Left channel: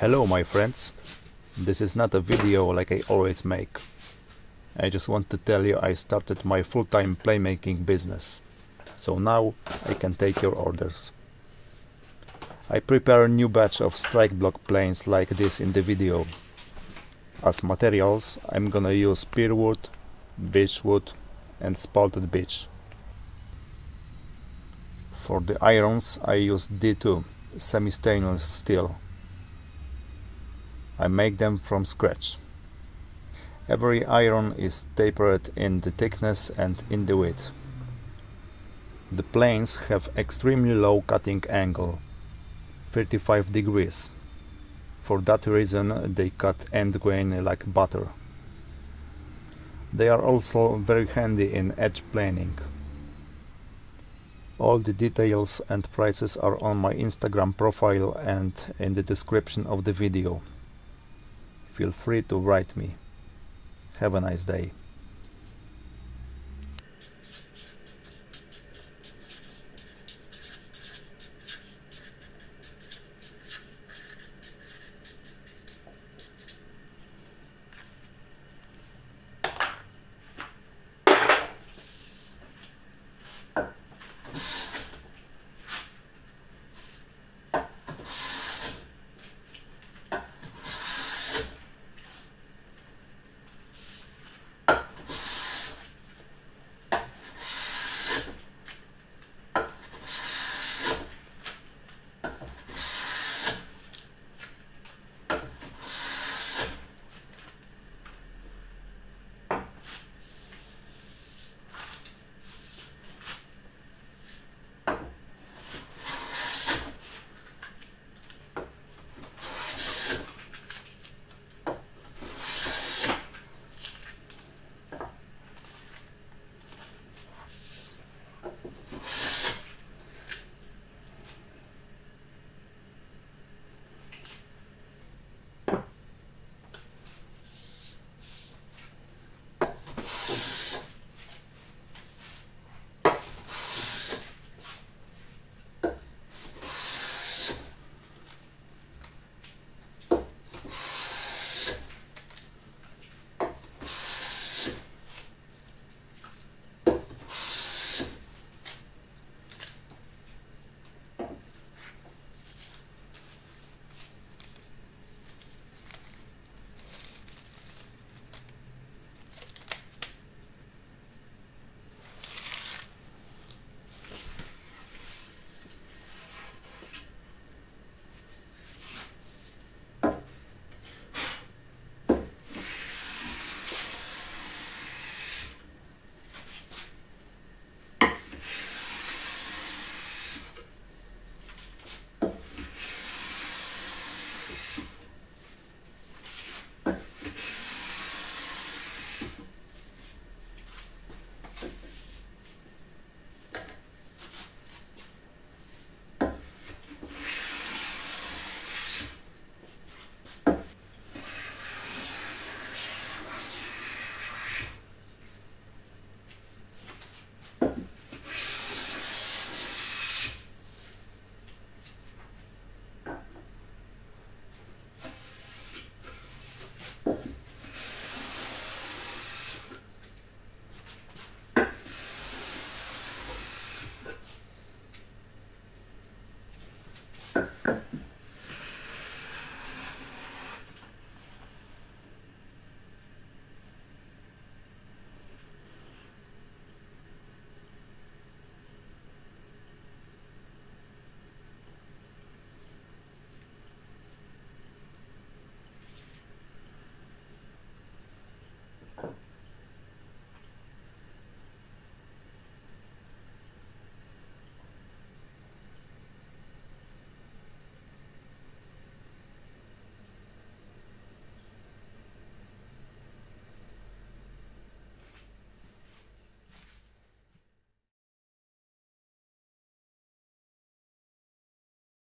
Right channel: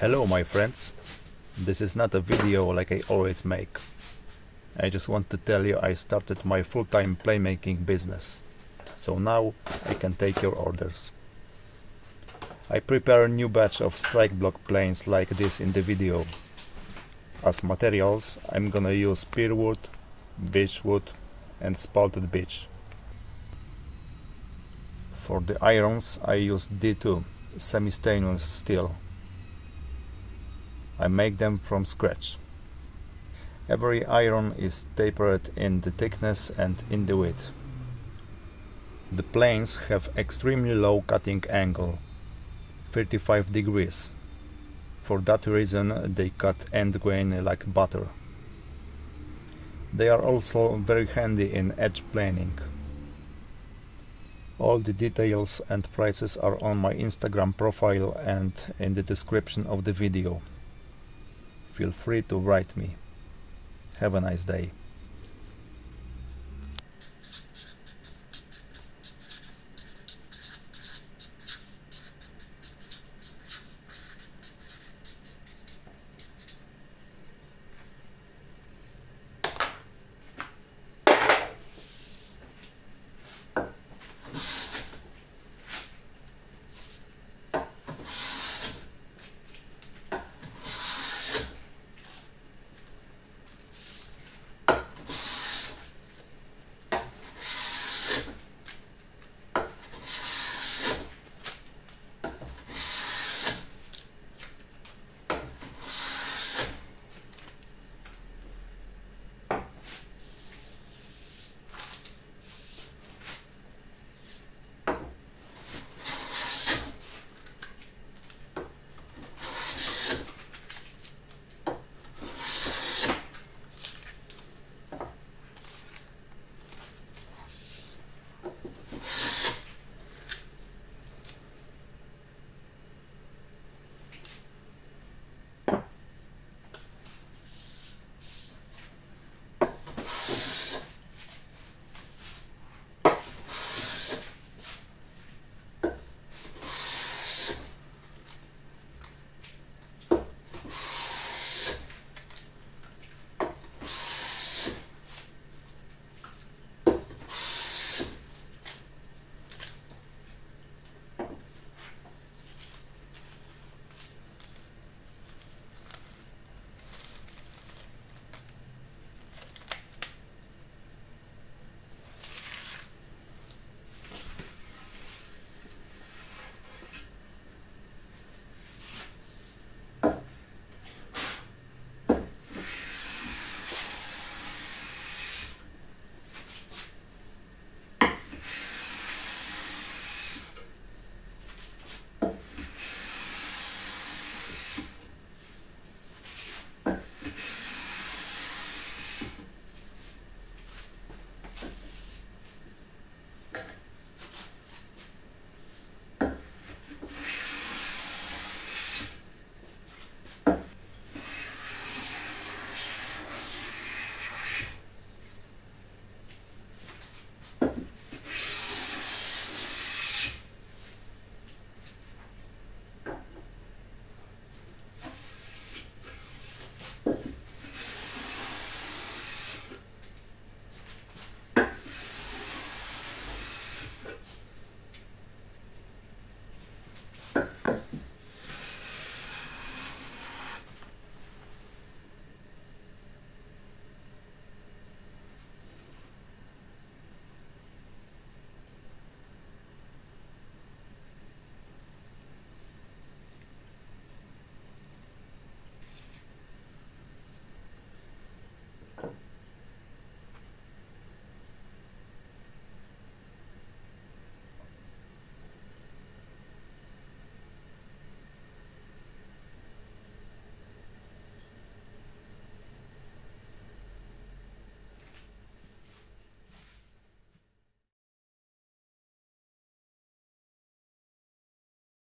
Hello my friends, this is not a video like I always make. I just want to tell you I started my full-time playmaking business, so now I can take your orders. I prepare a new batch of strike block planes like this in the video. As materials I'm gonna use pear wood, beech wood and spalted beech. For the irons I use D2 semi-stainless steel. I make them from scratch. Every iron is tapered in the thickness and in the width. The planes have extremely low cutting angle, 35 degrees. For that reason they cut end grain like butter. They are also very handy in edge planing. All the details and prices are on my Instagram profile and in the description of the video. Feel free to write me. Have a nice day.